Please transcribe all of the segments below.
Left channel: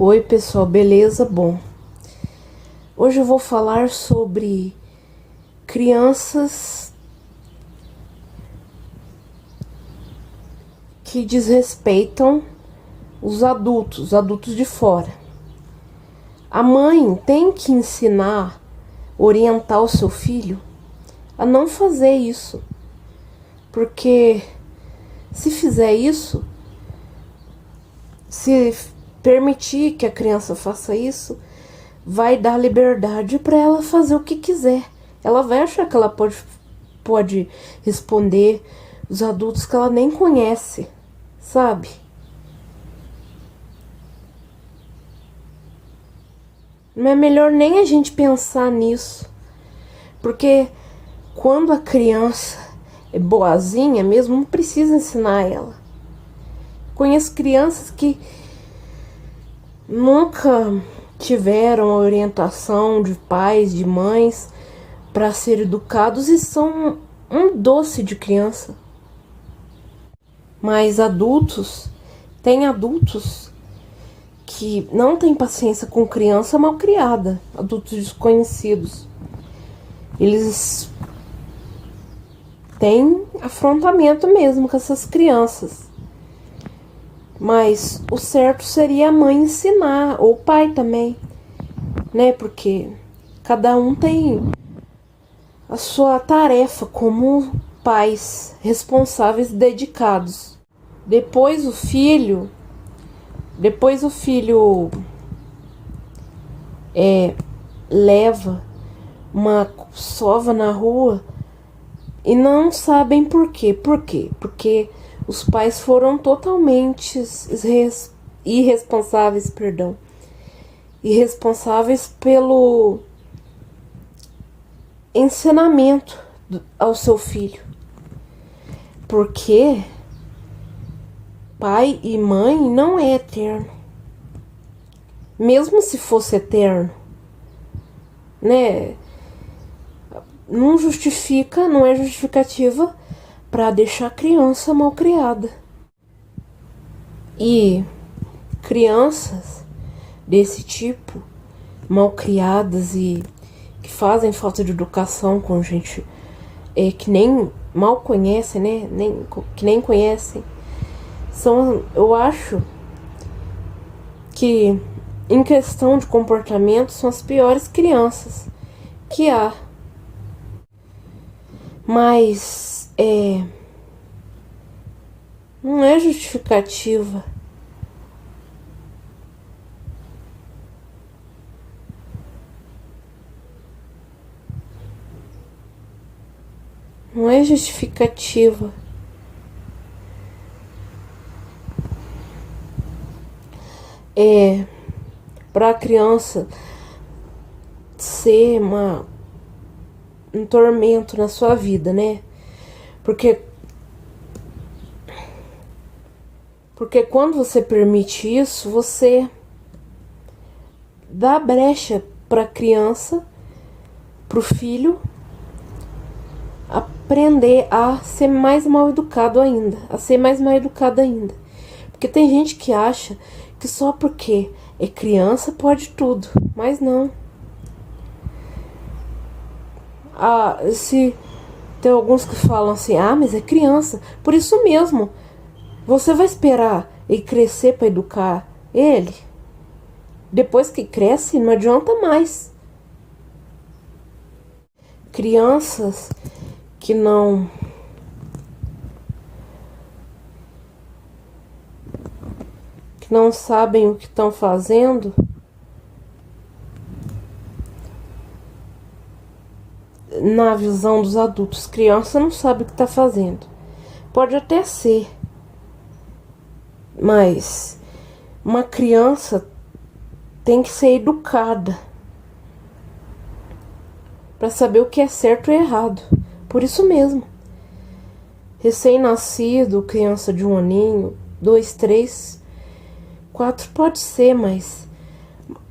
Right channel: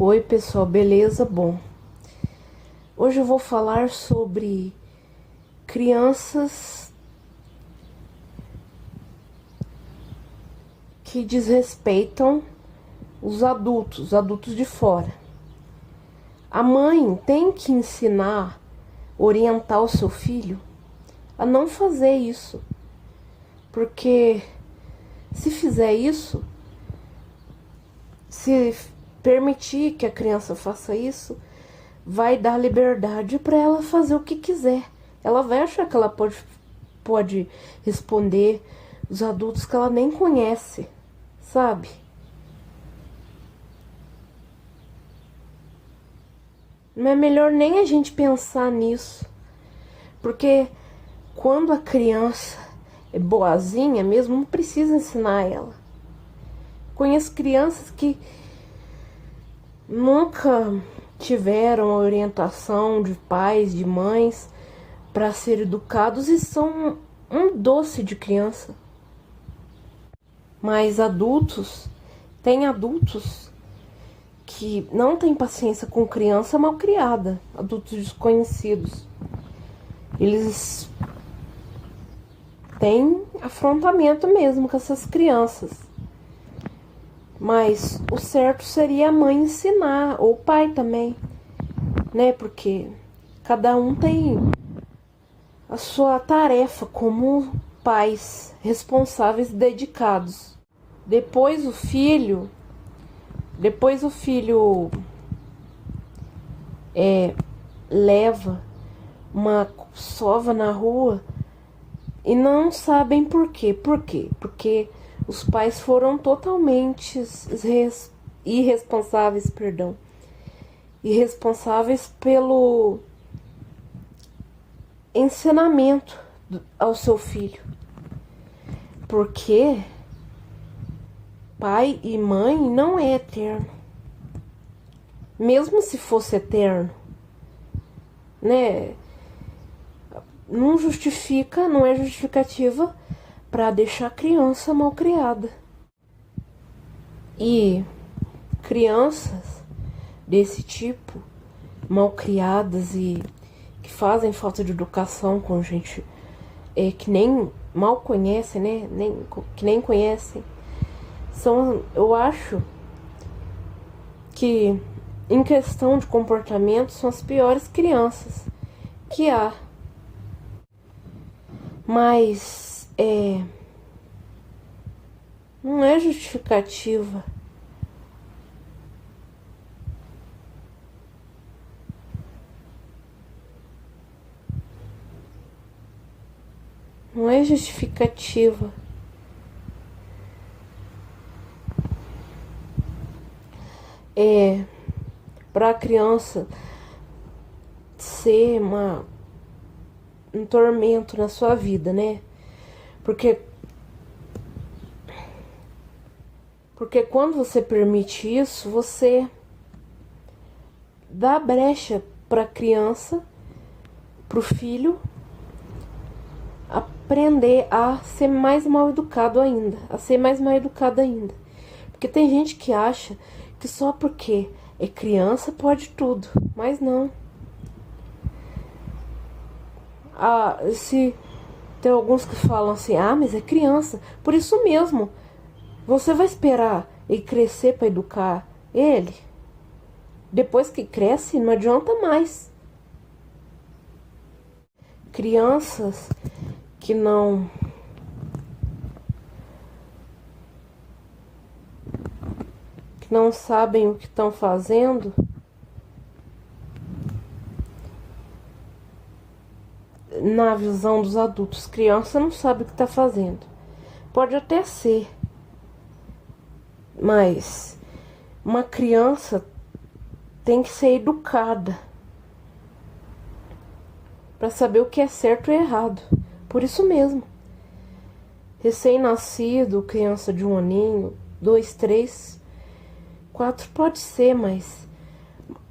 Oi pessoal, beleza? Bom, hoje eu vou falar sobre crianças que desrespeitam os adultos de fora. A mãe tem que ensinar, orientar o seu filho a não fazer isso, porque se fizer isso, se permitir que a criança faça isso, vai dar liberdade para ela fazer o que quiser. Ela vai achar que ela pode responder os adultos que ela nem conhece, sabe? Não é melhor nem a gente pensar nisso, porque quando a criança é boazinha mesmo, não precisa ensinar ela. Conheço crianças que nunca tiveram a orientação de pais, de mães para ser educados e são um doce de criança. Mas tem adultos que não têm paciência com criança mal criada, adultos desconhecidos. Eles têm afrontamento mesmo com essas crianças. Mas o certo seria a mãe ensinar, ou o pai também, né? Porque cada um tem a sua tarefa como pais responsáveis, dedicados. Depois o filho leva uma sova na rua e não sabem por quê. Por quê? Porque os pais foram totalmente irresponsáveis pelo ensinamento ao seu filho. Porque pai e mãe não é eterno. Mesmo se fosse eterno, né? Não é justificativa para deixar a criança mal criada. E crianças desse tipo, mal criadas e que fazem falta de educação com gente que nem mal conhecem, né? Que nem conhecem, eu acho que em questão de comportamento são as piores crianças que há. Mas não é justificativa não é justificativa para a criança ser um tormento na sua vida, né? Porque quando você permite isso, você dá brecha para a criança, para o filho, aprender a ser mais mal educado ainda, Porque tem gente que acha que só porque é criança pode tudo, mas não. Se tem alguns que falam assim, mas é criança, por isso mesmo, você vai esperar ele crescer para educar ele? Depois que cresce, não adianta mais. Crianças que não sabem o que estão fazendo, na visão dos adultos, criança não sabe o que está fazendo. Pode até ser, mas uma criança tem que ser educada para saber o que é certo e errado. Por isso mesmo, recém-nascido, criança de 1 aninho, 2, 3, 4 pode ser, mas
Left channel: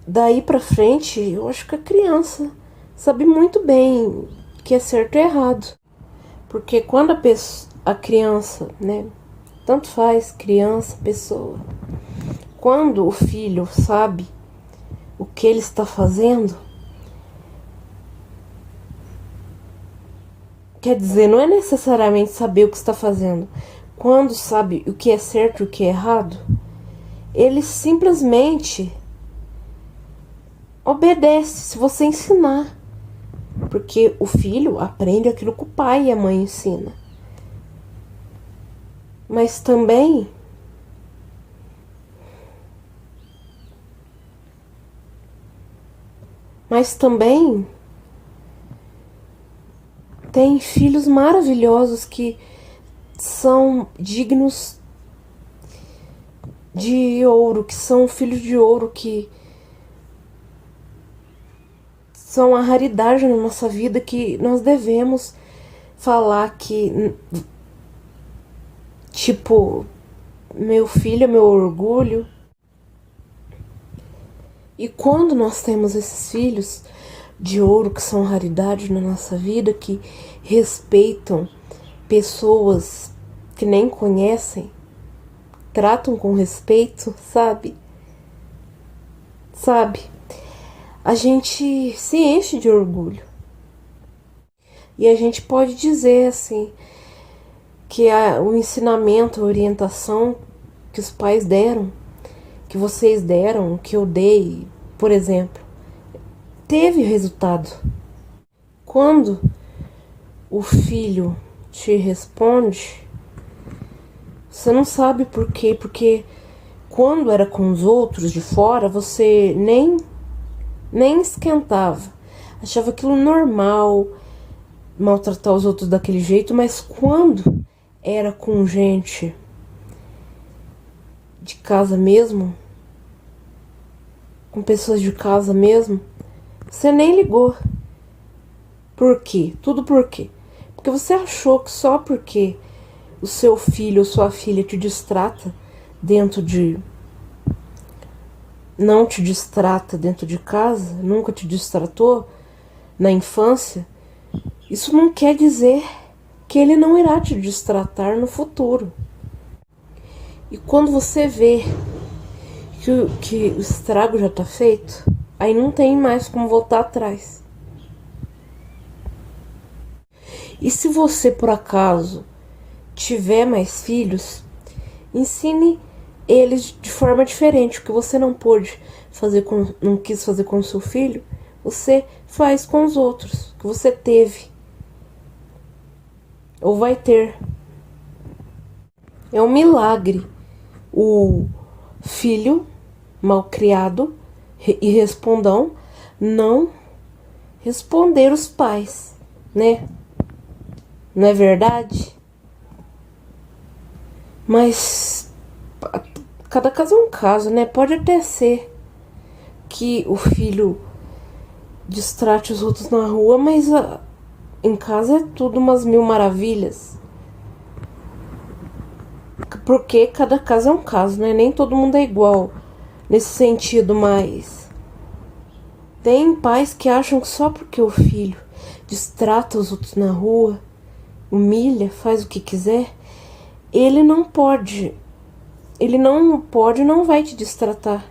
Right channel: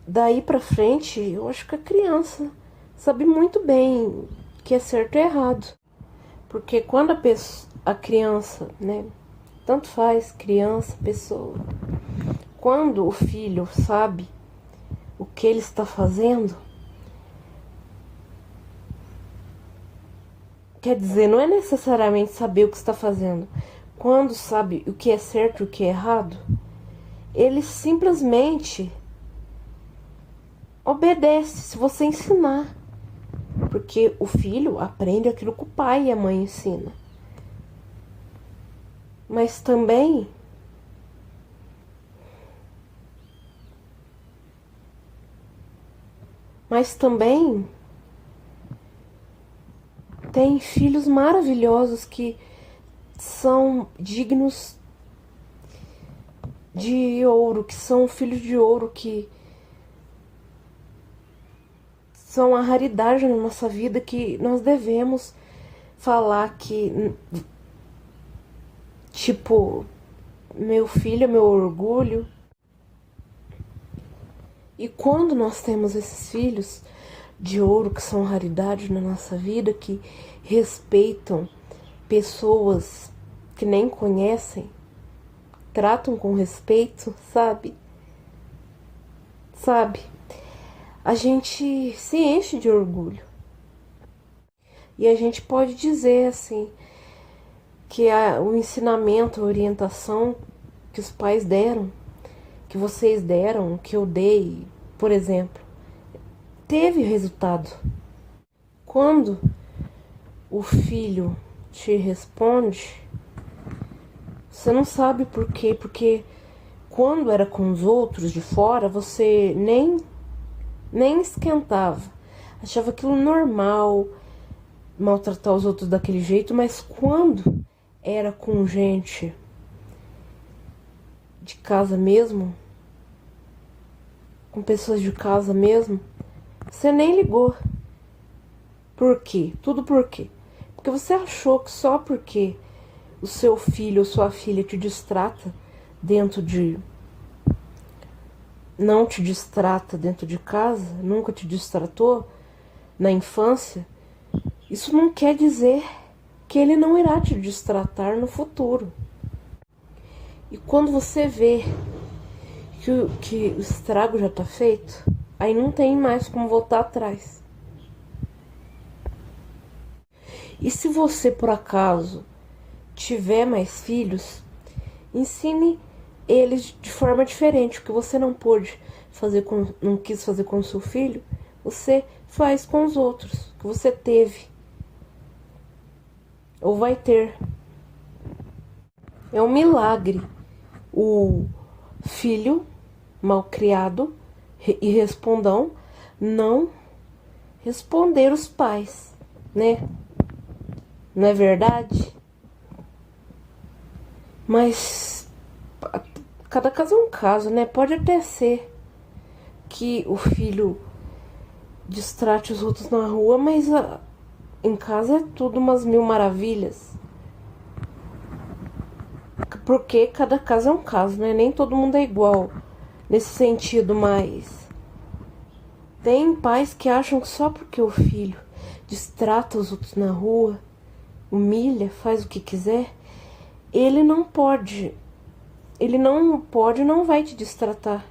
daí pra frente eu acho que a criança sabe muito bem o que é certo e errado. Porque quando a criança, né, tanto faz criança, pessoa, quando o filho sabe o que ele está fazendo, quer dizer, não é necessariamente saber o que está fazendo. Quando sabe o que é certo e o que é errado, ele simplesmente obedece se você ensinar. Porque o filho aprende aquilo que o pai e a mãe ensinam. Mas também tem filhos maravilhosos que são dignos de ouro, que são filhos de ouro, que são a raridade na nossa vida, que nós devemos falar que, tipo, meu filho é meu orgulho. E quando nós temos esses filhos de ouro, que são raridade na nossa vida, que respeitam pessoas que nem conhecem, tratam com respeito, sabe? A gente se enche de orgulho. E a gente pode dizer assim que o ensinamento, a orientação que os pais deram, que vocês deram, que eu dei, por exemplo, teve resultado. Quando o filho te responde, você não sabe por quê, porque quando era com os outros de fora, você nem esquentava, achava aquilo normal, maltratar os outros daquele jeito, mas quando era com gente de casa mesmo, com pessoas de casa mesmo, você nem ligou. Por quê? Tudo por quê? Porque você achou que só porque o seu filho ou sua filha te distrata dentro de... não te distrata dentro de casa, nunca te distratou na infância, isso não quer dizer que ele não irá te distratar no futuro. E quando você vê que o estrago já está feito, aí não tem mais como voltar atrás. E se você, por acaso, tiver mais filhos, ensine eles de forma diferente. O que você não não quis fazer com o seu filho, você faz com os outros, que você teve ou vai ter. É um milagre o filho malcriado e respondão não responder os pais, né? Não é verdade? Mas cada caso é um caso, né? Pode até ser que o filho distrate os outros na rua, mas em casa é tudo umas mil maravilhas. Porque cada caso é um caso, né? Nem todo mundo é igual nesse sentido, mas tem pais que acham que só porque o filho distrata os outros na rua, humilha, faz o que quiser, ele não pode, não vai te distratar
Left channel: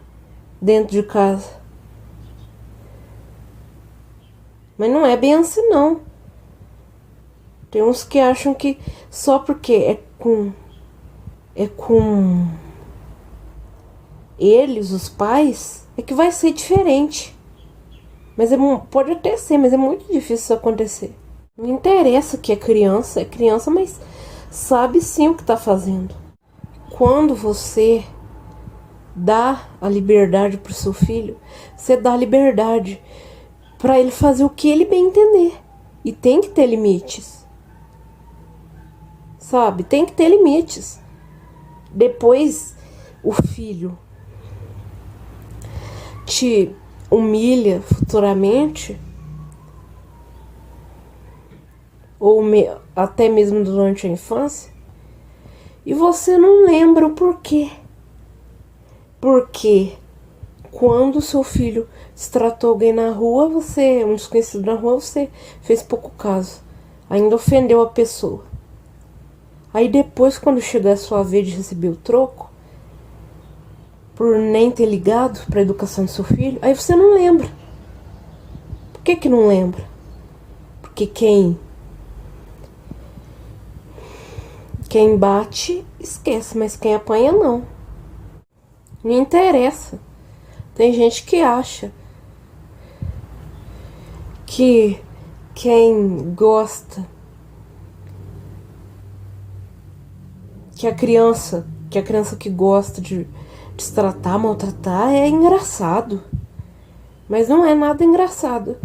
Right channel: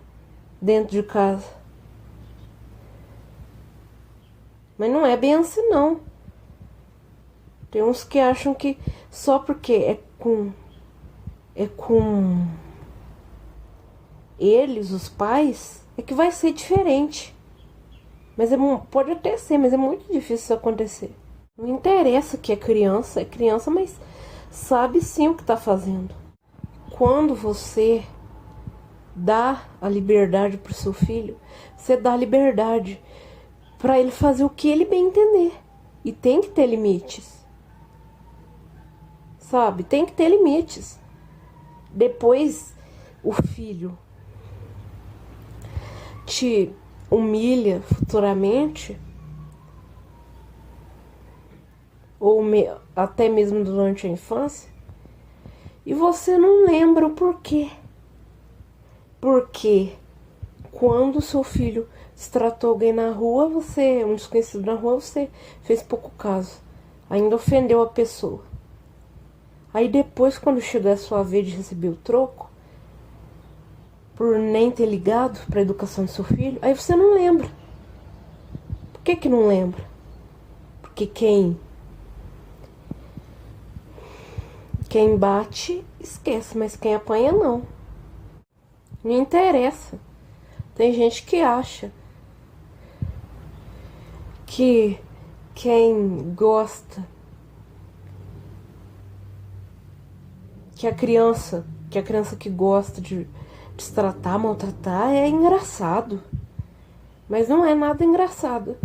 dentro de casa. Mas não é bem assim, não. Tem uns que acham que só porque é com eles, os pais, é que vai ser diferente. Mas pode até ser, mas é muito difícil isso acontecer. Não interessa que é criança, mas sabe sim o que está fazendo. Quando você dá a liberdade para o seu filho, você dá a liberdade para ele fazer o que ele bem entender. E tem que ter limites. Sabe? Tem que ter limites. Depois o filho te humilha futuramente, ou até mesmo durante a infância, e você não lembra o porquê. Porque quando o seu filho se tratou alguém na rua, um desconhecido na rua, você fez pouco caso, ainda ofendeu a pessoa. Aí depois, quando chegar a sua vez de receber o troco, por nem ter ligado para a educação do seu filho, aí você não lembra. Por que não lembra? Porque quem bate esquece, mas quem apanha não. Não interessa. Tem gente que acha que quem gosta, que a criança que gosta de se tratar, maltratar, é engraçado. Mas não é nada engraçado.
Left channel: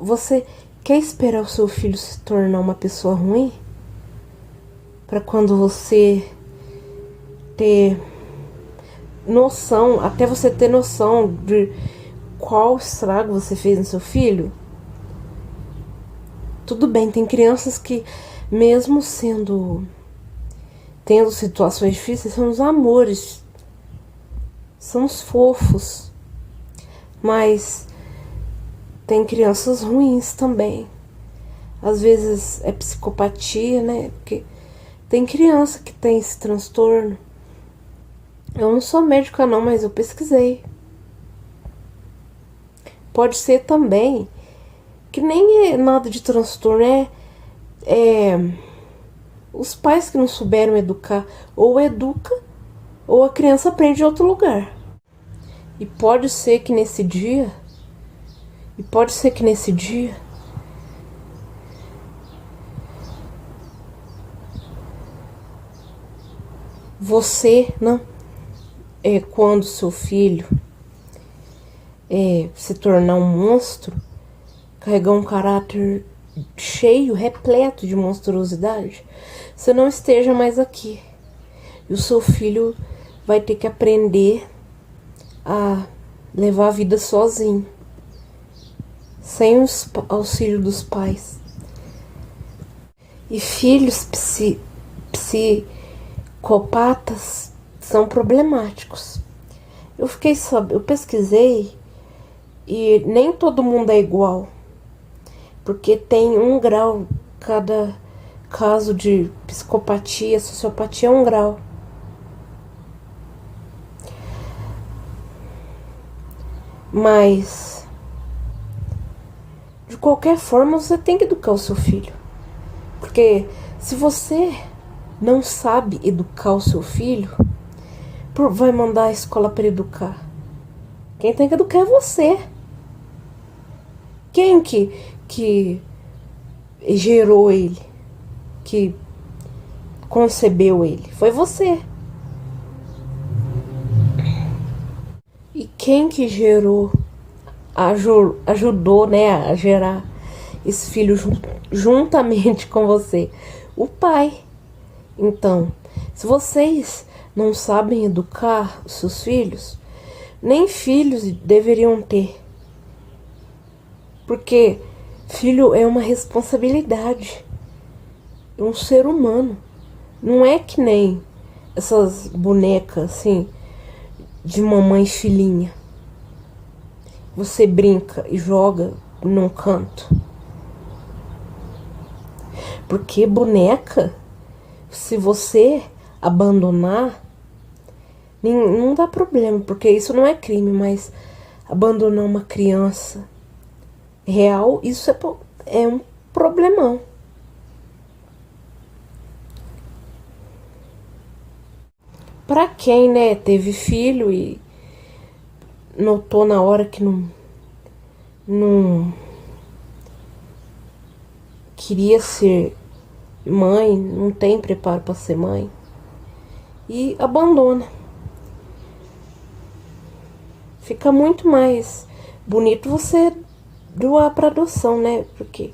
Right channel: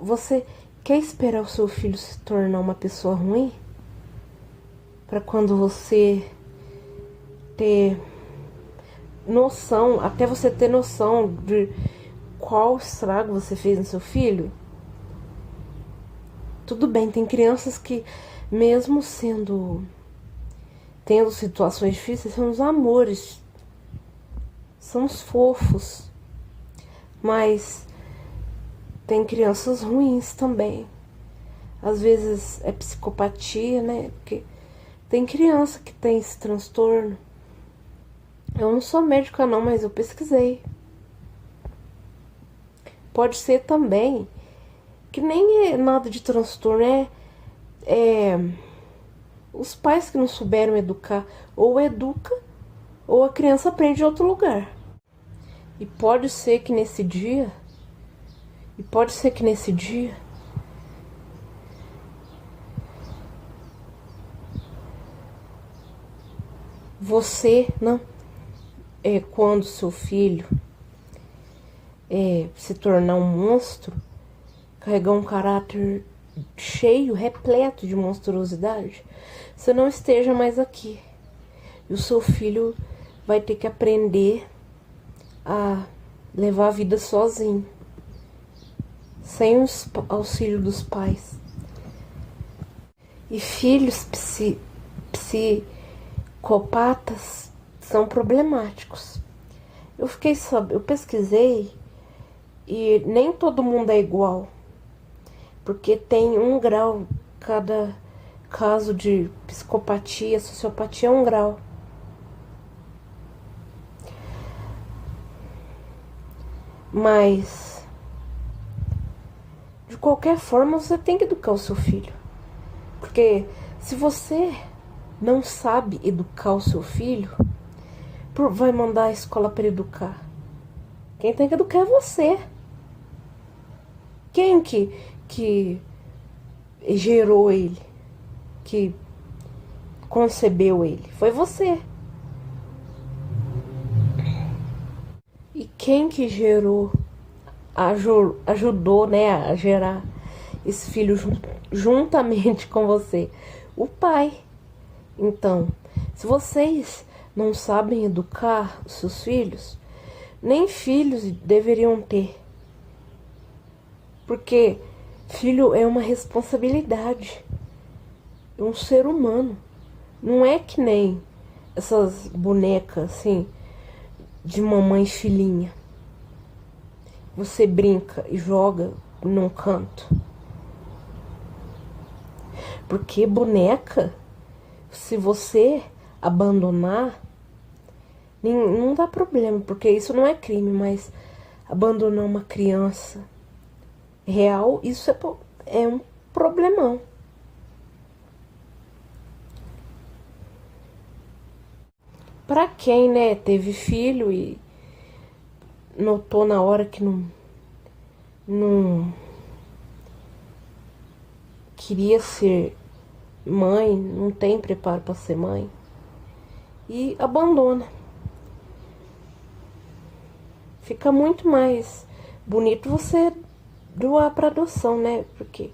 Você quer esperar o seu filho se tornar uma pessoa ruim? Para quando você ter noção, até você ter noção de qual estrago você fez no seu filho? Tudo bem, tem crianças que, mesmo tendo situações difíceis, são os amores, são os fofos. Mas tem crianças ruins também. Às vezes é psicopatia, né? Porque tem criança que tem esse transtorno. Eu não sou médica não, mas eu pesquisei. Pode ser também que nem é nada de transtorno, os pais que não souberam educar, ou educa, ou a criança aprende em outro lugar. E pode ser que nesse dia, você não, quando seu filho se tornar um monstro, carregar um caráter cheio, repleto de monstruosidade, você não esteja mais aqui. E o seu filho vai ter que aprender a levar a vida sozinho, sem o auxílio dos pais. E filhos psicopatas são problemáticos. Eu pesquisei e nem todo mundo é igual, porque tem um grau, cada caso de psicopatia, sociopatia é um grau. Mas, de qualquer forma, você tem que educar o seu filho. Porque se você não sabe educar o seu filho, vai mandar a escola para educar. Quem tem que educar é você. Quem que gerou ele, que concebeu ele? Foi você. E quem que ajudou, né, a gerar esse filho juntamente com você? O pai. Então, se vocês não sabem educar os seus filhos, nem filhos deveriam ter. Porque filho é uma responsabilidade. É um ser humano. Não é que nem essas bonecas, assim, de mamãe e filhinha. Você brinca e joga num canto. Porque boneca, se você abandonar, não dá problema, porque isso não é crime, mas abandonar uma criança real, isso é um problemão. Pra quem, né, teve filho e notou na hora que não queria ser mãe, não tem preparo para ser mãe, e abandona. Fica muito mais bonito você doar para adoção, né? Porque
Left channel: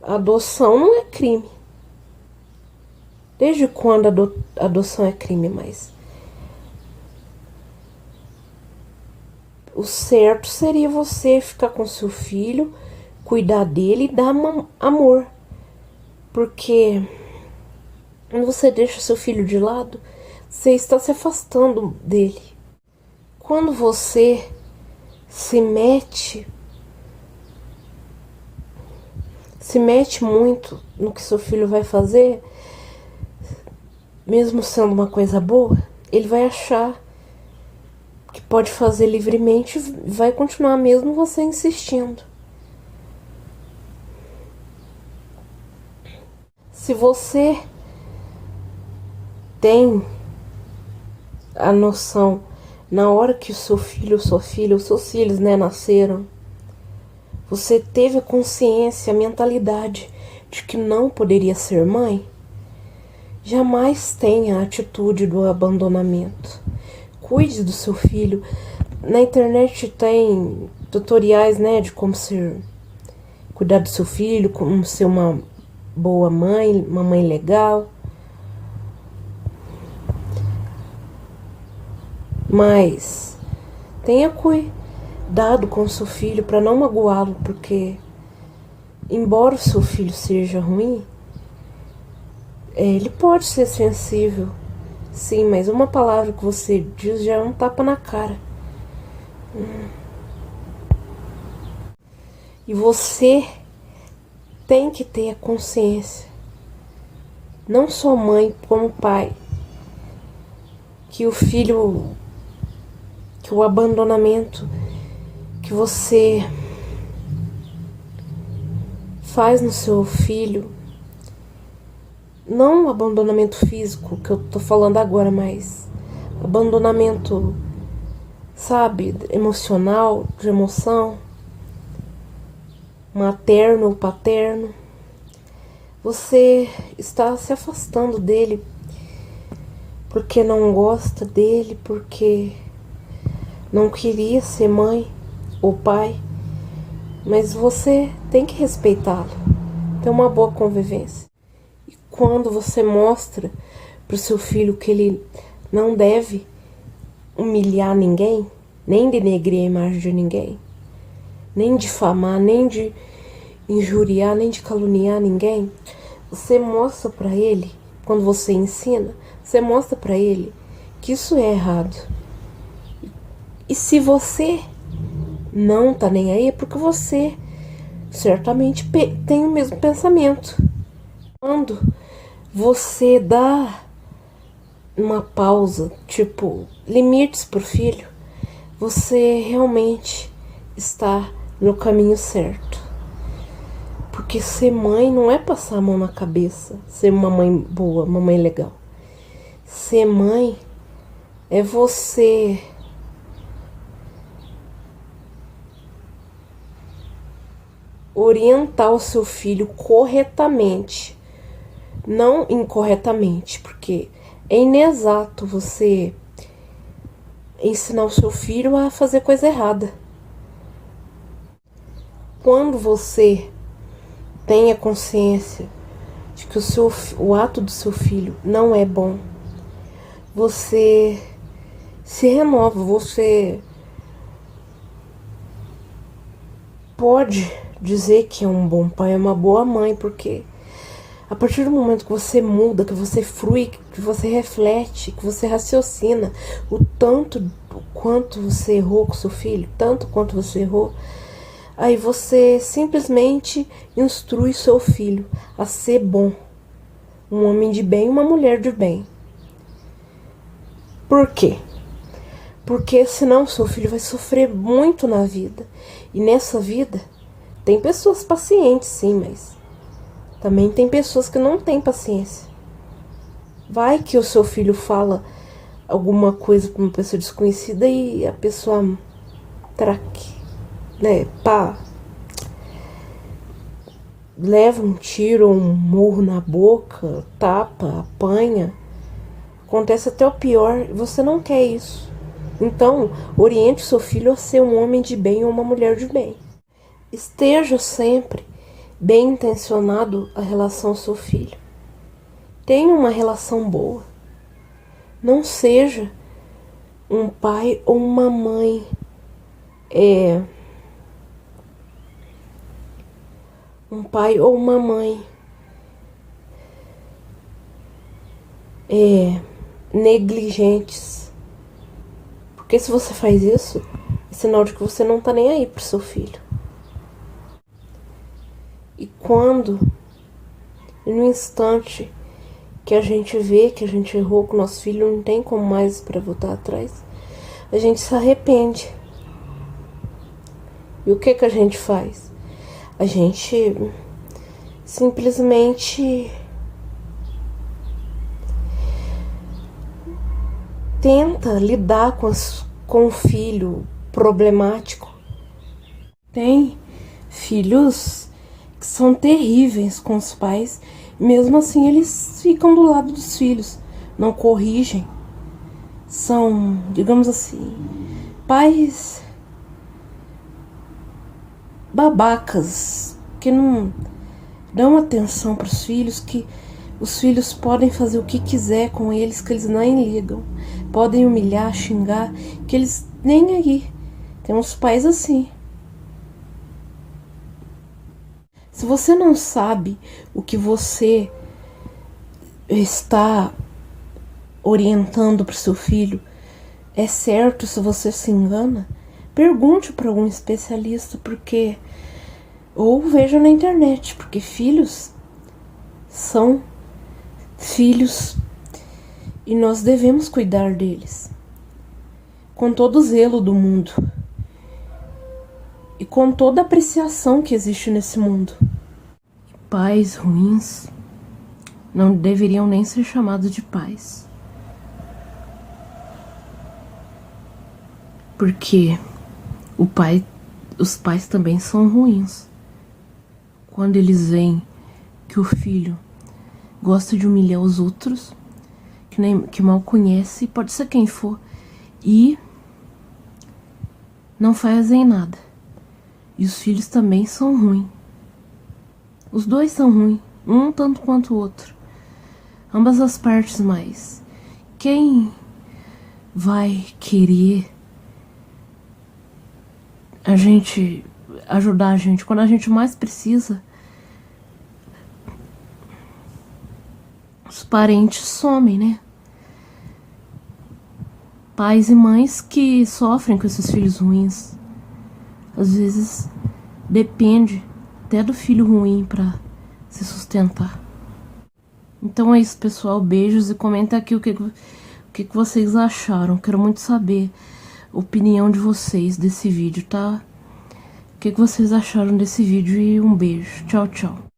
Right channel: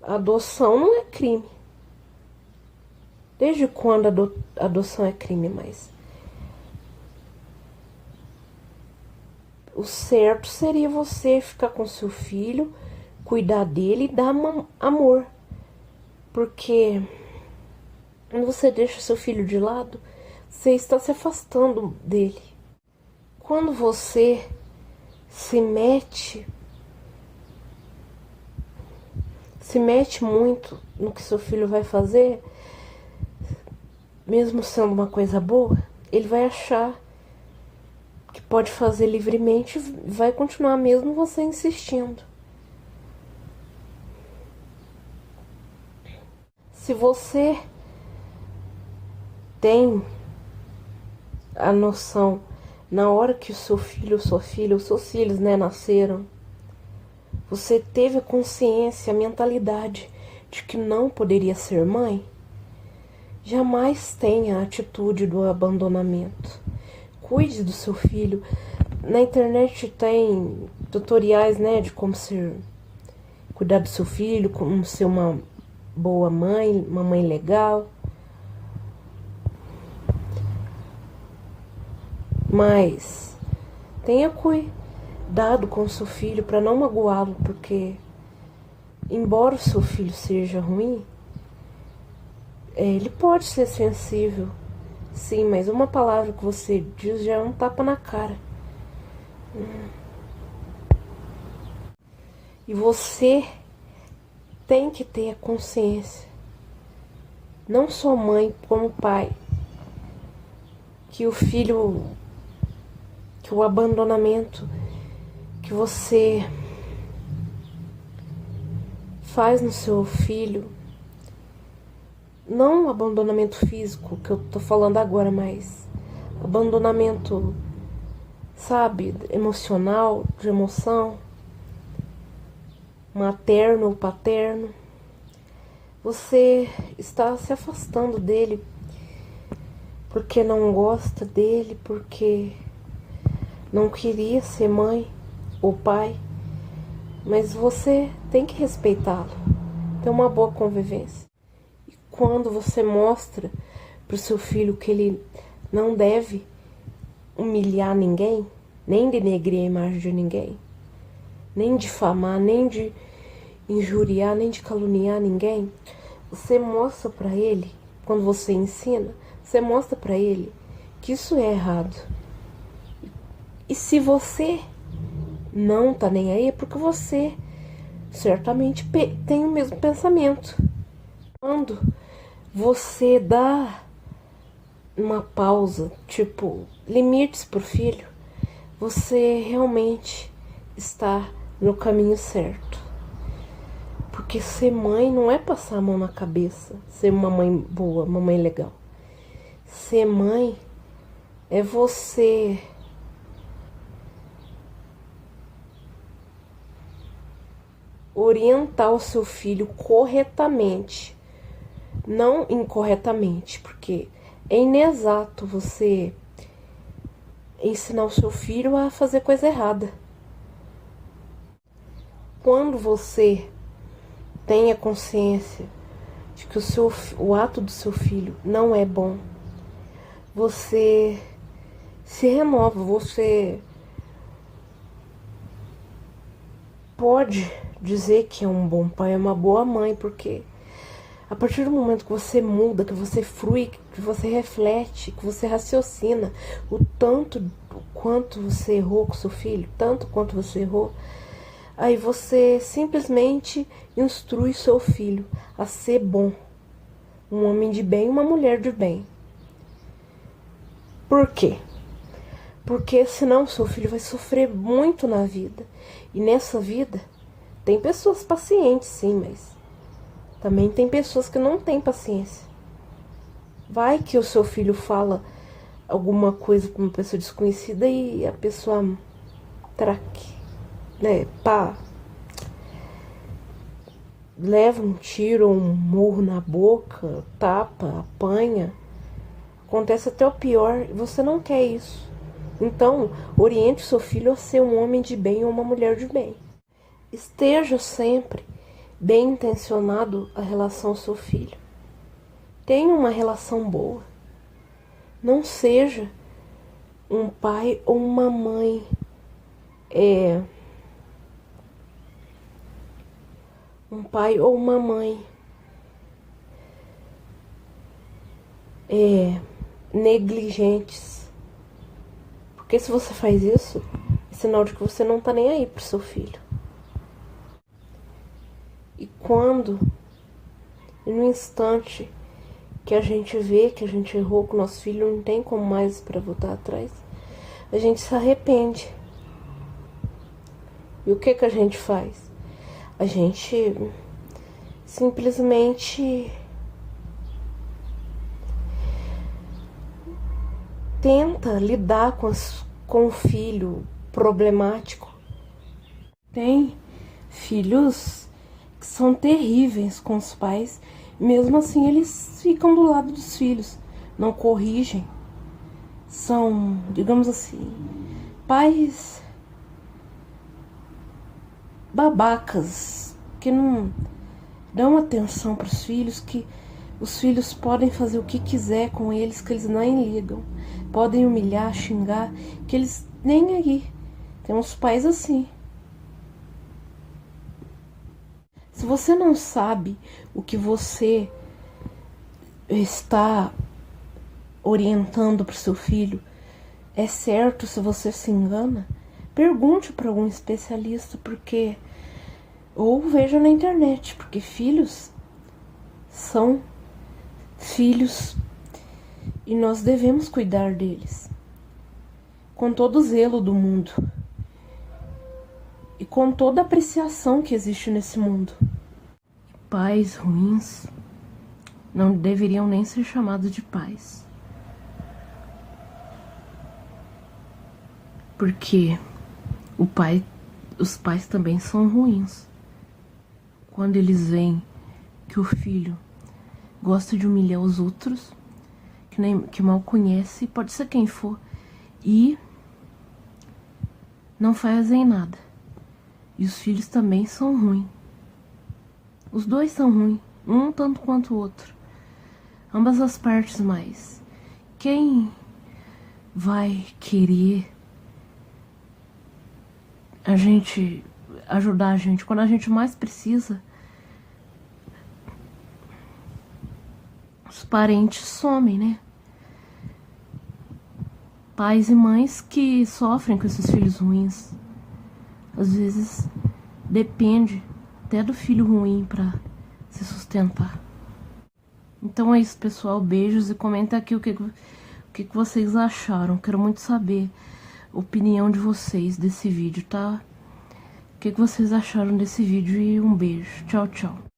a adoção não é crime. Desde quando a adoção é crime, mas o certo seria você ficar com seu filho, cuidar dele e dar amor. Porque quando você deixa seu filho de lado, você está se afastando dele. Quando você se mete muito no que seu filho vai fazer, mesmo sendo uma coisa boa, ele vai achar pode fazer livremente, vai continuar mesmo você insistindo. Se você tem a noção, na hora que o seu filho, sua filha, os seus filhos, né, nasceram, você teve a consciência, a mentalidade de que não poderia ser mãe, jamais tenha a atitude do abandonamento. Cuide do seu filho. Na internet tem tutoriais, né, de como cuidar do seu filho, como ser uma boa mãe, uma mãe legal. Mas tenha cuidado com o seu filho para não magoá-lo, porque embora o seu filho seja ruim, ele pode ser sensível, sim, mas uma palavra que você diz já é um tapa na cara. E você tem que ter a consciência, não só mãe como pai, que o abandonamento que você faz no seu filho, não o abandonamento físico que eu tô falando agora, mas abandonamento, sabe, emocional, de emoção, materno ou paterno, você está se afastando dele porque não gosta dele, porque não queria ser mãe ou pai, mas você tem que respeitá-lo, ter uma boa convivência. E quando você mostra para o seu filho que ele não deve humilhar ninguém, nem denegrir a imagem de ninguém, nem difamar, nem de injuriar, nem de caluniar ninguém, você mostra para ele, quando você ensina, você mostra para ele que isso é errado. E se você não tá nem aí, é porque você certamente tem o mesmo pensamento. Quando você dá uma pausa, tipo, limites pro filho, você realmente está no caminho certo. Porque ser mãe não é passar a mão na cabeça, ser uma mãe boa, uma mãe legal. Ser mãe é você orientar o seu filho corretamente, não incorretamente, porque é inexato você ensinar o seu filho a fazer coisa errada. Quando você tem a consciência de que o ato do seu filho não é bom, você se renova, você pode dizer que é um bom pai, é uma boa mãe, porque a partir do momento que você muda, que você frui, que você reflete, que você raciocina o quanto você errou com seu filho, tanto quanto você errou, aí você simplesmente instrui seu filho a ser bom, um homem de bem, uma mulher de bem. Por quê? Porque senão seu filho vai sofrer muito na vida. E nessa vida tem pessoas pacientes, sim, mas também tem pessoas que não têm paciência. Vai que o seu filho fala alguma coisa para uma pessoa desconhecida e a pessoa traque, né? Pá, leva um tiro ou um murro na boca, tapa, apanha. Acontece até o pior, e você não quer isso. Então, oriente o seu filho a ser um homem de bem ou uma mulher de bem. Esteja sempre bem intencionado a relação ao seu filho. Tenha uma relação boa. Não seja um pai ou uma mãe um pai ou uma mãe negligentes. Porque se você faz isso, é sinal de que você não tá nem aí pro seu filho. E quando, no instante que a gente vê que a gente errou com o nosso filho, não tem como mais para voltar atrás, a gente se arrepende. E o que a gente faz? A gente simplesmente tenta lidar com o filho problemático. Tem filhos que são terríveis com os pais, mesmo assim eles ficam do lado dos filhos, não corrigem. São, digamos assim, pais babacas, que não dão atenção para os filhos, que os filhos podem fazer o que quiser com eles, que eles nem ligam. Podem humilhar, xingar, que eles nem aí. Tem uns pais assim. Se você não sabe o que você está orientando para o seu filho é certo, se você se engana, pergunte para algum especialista, porque ou veja na internet, porque filhos são filhos e nós devemos cuidar deles com todo o zelo do mundo e com toda a apreciação que existe nesse mundo. Pais ruins não deveriam nem ser chamados de pais, porque os pais também são ruins. Quando eles veem que o filho gosta de humilhar os outros, que mal conhece, pode ser quem for, e não fazem nada. E os filhos também são ruins. Os dois são ruins, um tanto quanto o outro. Ambas as partes, mas quem vai querer ajudar a gente quando a gente mais precisa? Os parentes somem, né? Pais e mães que sofrem com esses filhos ruins. Às vezes depende até do filho ruim para se sustentar. Então é isso, pessoal. Beijos e comenta aqui o que vocês acharam. Quero muito saber a opinião de vocês desse vídeo, tá? O que vocês acharam desse vídeo e um beijo. Tchau, tchau.